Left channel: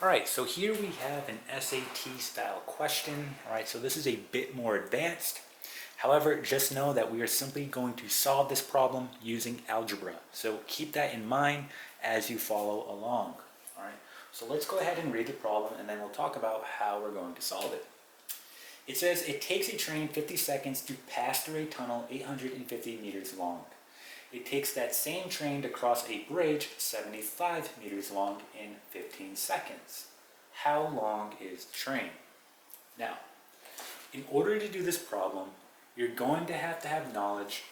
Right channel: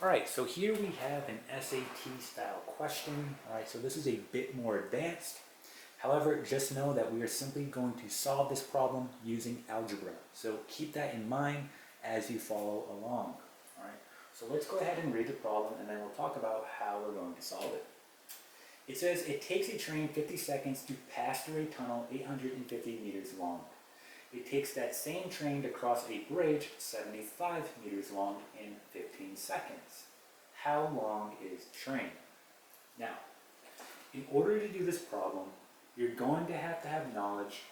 All right, so here we have an SAT style question. All right, so this is a bit more advanced. However, just know that we are simply going to solve this problem using algebra. So keep that in mind as you follow along. All right, so let's go ahead and read the problem and then we'll talk about how we're going to solve it. It says it takes a train 50 seconds to pass through a tunnel 850 meters long. It takes that same train to cross a bridge 75 meters long in 15 seconds. How long is the train? Now, in order to do this problem, you're going to have knowledge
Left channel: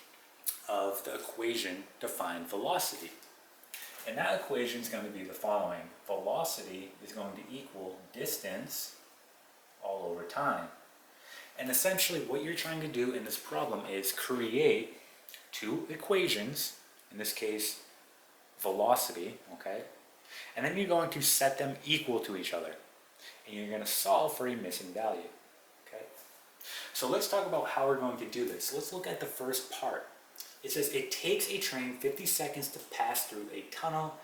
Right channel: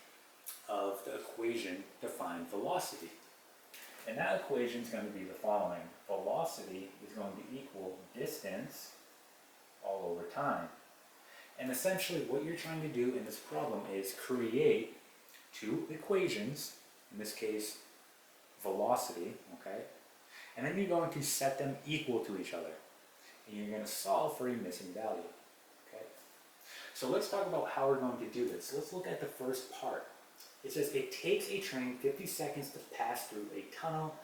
of the equation to find velocity. And that equation is going to be the following. Velocity is going to equal distance all over time. And essentially what you're trying to do in this problem is create two equations, in this case velocity, okay? And then you're going to set them equal to each other. And you're going to solve for a missing value, okay? So let's talk about how we're going to do this. Let's look at the first part. It says it takes a train 50 seconds to pass through a tunnel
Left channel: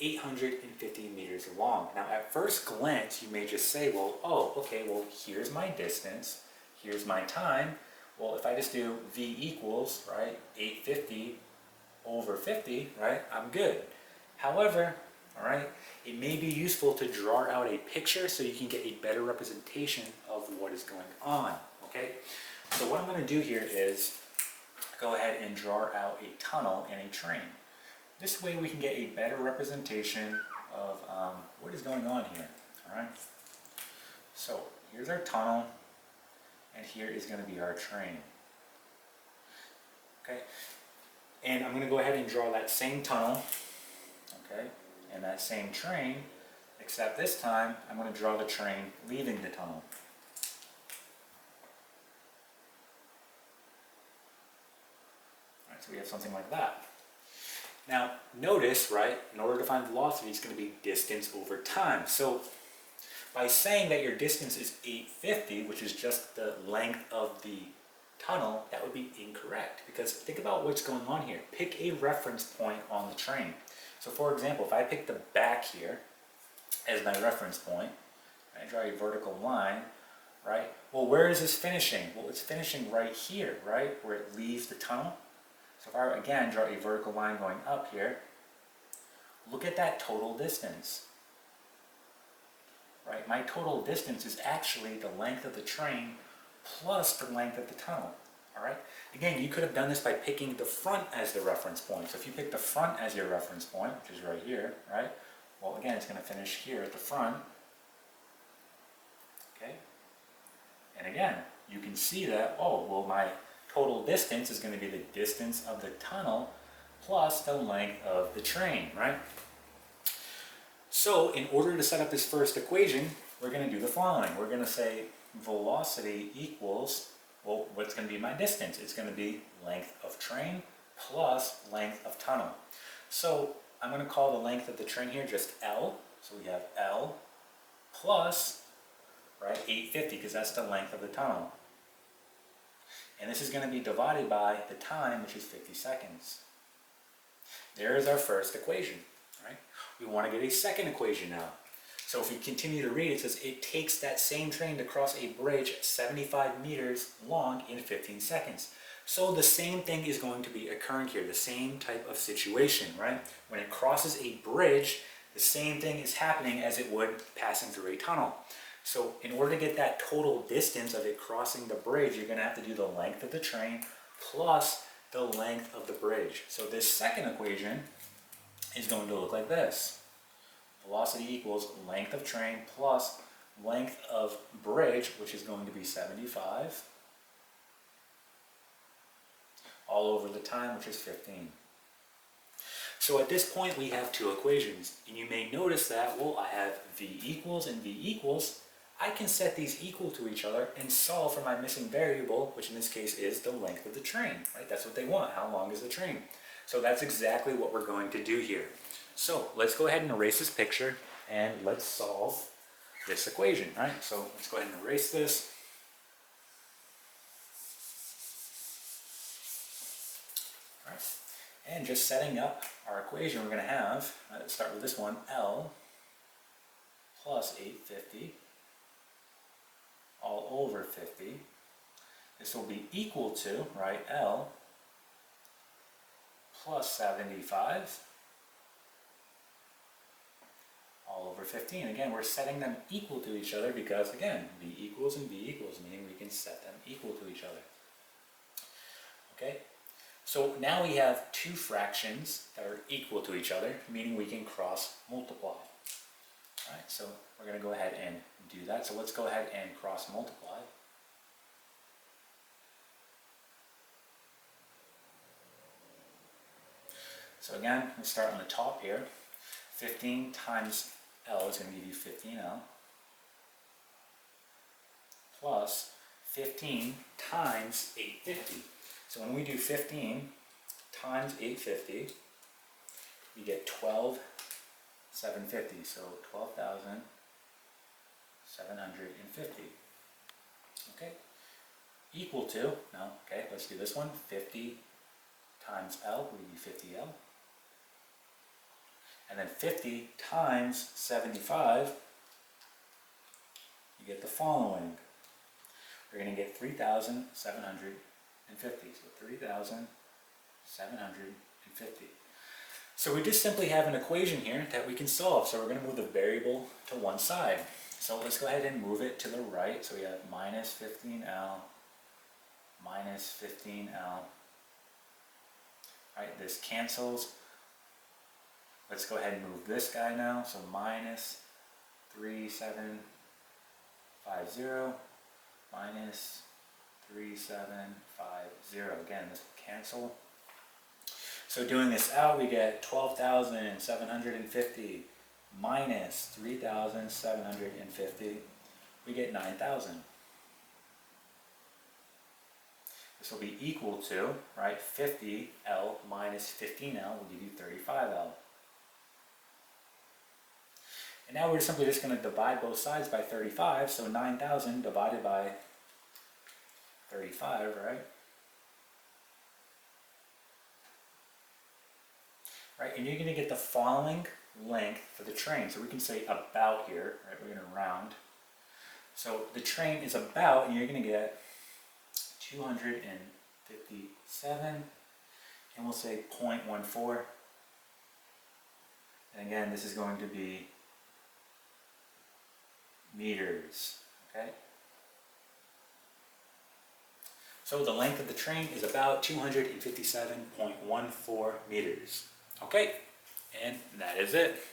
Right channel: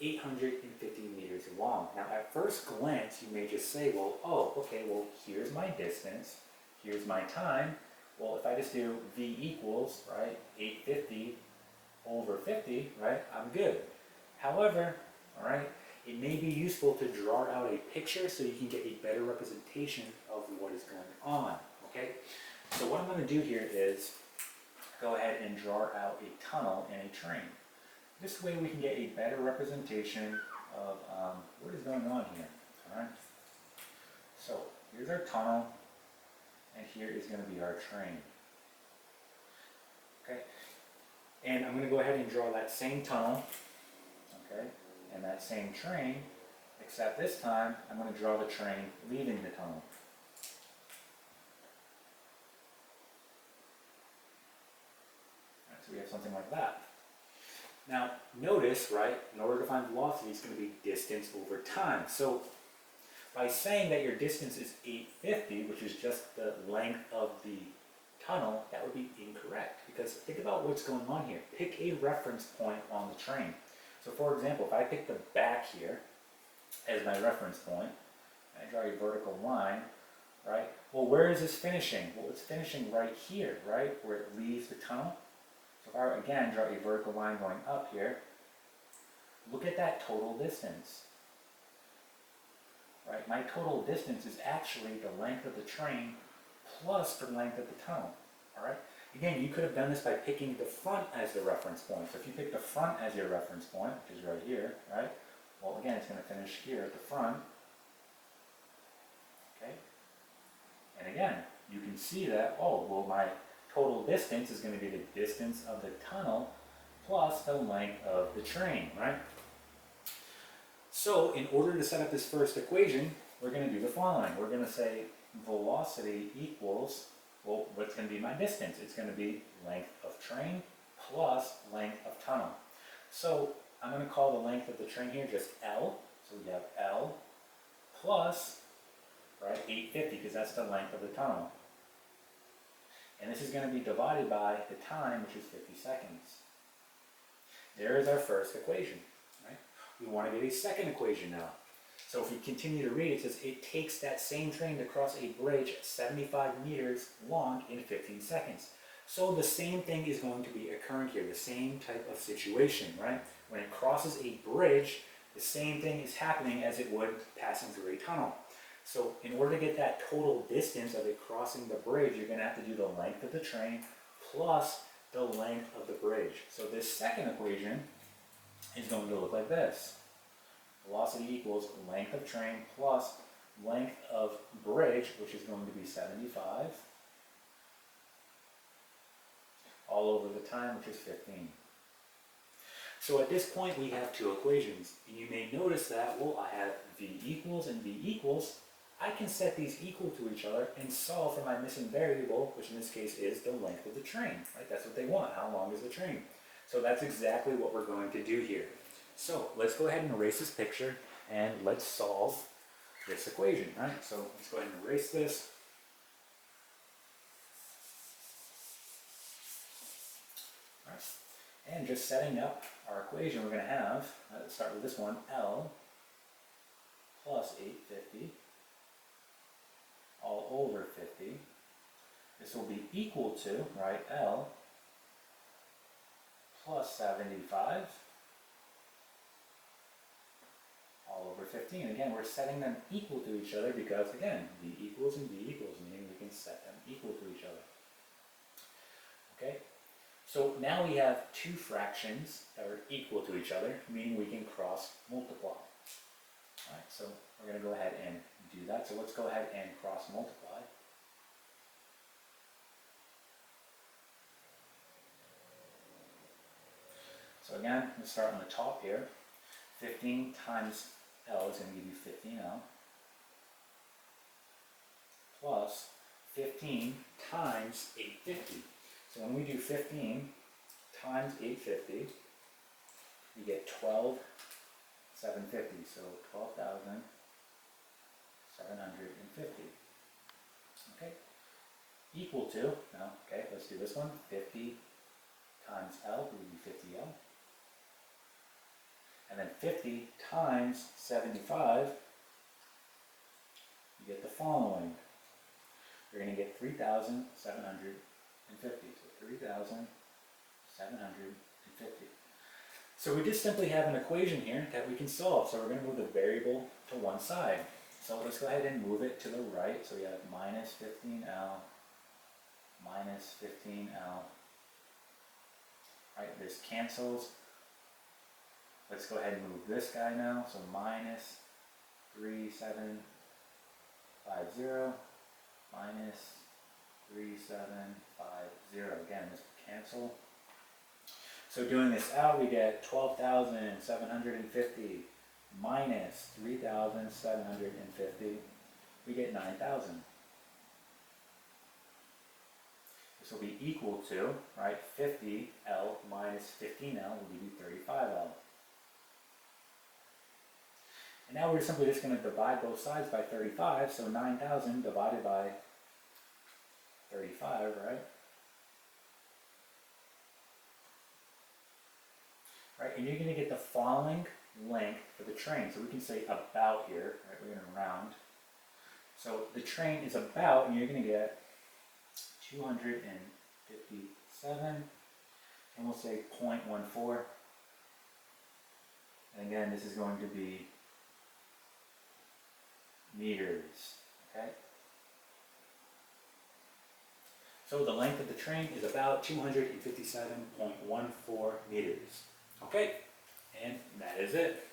850 meters long. Now at first glance you may just say, well, oh, okay, well here's my distance, here's my time. Well, if I just do V equals, right, 850 over 50, right, I'm good. However, all right, it may be useful to draw out a picture so you can get a better representation of what is going on, okay? So what I'm going to do here is go ahead and draw out a tunnel and a train. This way we can get a better representation of what is going on here, all right? So here's our tunnel, and here is going to be our train. Okay, and I'm going to go ahead and draw that same tunnel, okay, and that same train, except this time I'm going to draw the train leaving the tunnel. All right, so we have something like that. Now notice, right, in order to find velocity, it's going to be distance over time. So by saying that your distance is 850, which is just the length of the tunnel, that would be incorrect. Because think about what's going on here. Pick a reference point on the train. So for example, if I pick the back here as my reference point, I draw a vertical line, right? Well, where is this finishing? Well, it's finishing right here, right? Where it leaves the tunnel. So if I, again, draw a vertical line going up here, look at that total distance. Right? My total distance is actually the length of the train plus the length of the tunnel. All right? Again, you could have done this by picking the front as the reference point. So if you pick the front as your reference point, which is right here, right? Well, again, it's going to finish here at the front. Okay? And again, you can see that, oh, well, my total distance is going to be the distance of the tunnel plus the length of the train, right? So in order to set up this first equation, we're going to do the following. We're going to say velocity equals, well, what's going to be my distance? It's going to be length of train plus length of tunnel. So I'm going to call the length of the train here just L. So we have L plus, right, 850 because that's the length of the tunnel. And this is going to be divided by the time, which is 50 seconds. There is our first equation. We want to get a second equation now. So if we continue to read, it says it takes that same train to cross a bridge 75 meters long in 15 seconds. So the same thing is going to be occurring here, the same type of situation, right? When it crosses a bridge, the same thing is happening as it would passing through a tunnel. So in order to get that total distance of it crossing the bridge, you're going to have to do the length of the train plus the length of the bridge. So this second equation is going to look like this. Velocity equals length of train plus length of bridge, which is going to be 75, all over the time, which is 15. So at this point we have two equations, and you may notice that, well, I have V equals and V equals. I can set these equal to each other and solve for my missing variable, which in this case is the length of the train, right? That's what they want. How long is the train? So that's exactly what we're going to do here. So let's go ahead and erase this picture and let's solve this equation, right? So let's go ahead and erase this. All right. And just setting up our equation, we're going to have, let's start with this one, L plus 850 all over 50. This will be equal to, right, L plus 75 all over 15. Again, we're setting them equal to each other because, again, B equals and B equals, meaning we can set them equal to each other. Okay? So now we have two fractions that are equal to each other, meaning we can cross multiply. All right, so we're going to go ahead and do that. So let's go ahead and cross multiply. So again, let's start on the top here. 15 times L is going to give you 15L plus 15 times 850. So when we do 15 times 850, you get 12,750. So 12,750. Okay, equal to, now, okay, let's do this one. 50 times L would be 50L. And then 50 times 75, you get the following. We're going to get 3,750. So 3,750. So we just simply have an equation here that we can solve. So we're going to move the variable to one side. So let's go ahead and move it to the right. So we have minus 15L, minus 15L. Right, this cancels. Let's go ahead and move this guy now. So minus 3750 minus 3750. Again, this will cancel. So doing this out, we get 12,750 minus 3,750. We get 9,000. This will be equal to, right, 50L minus 15L will give you 35L. And now we're simply just going to divide both sides by 35, so 9,000 divided by 35, right? Right, and you're going to get the following length for the train. So we can say about here, right, we're going to round. So the train is about, and you're going to get 257, and we'll say 0.14. And again, this is going to be meters, okay? So the length of the train is about 257.14 meters. Okay, and that is it.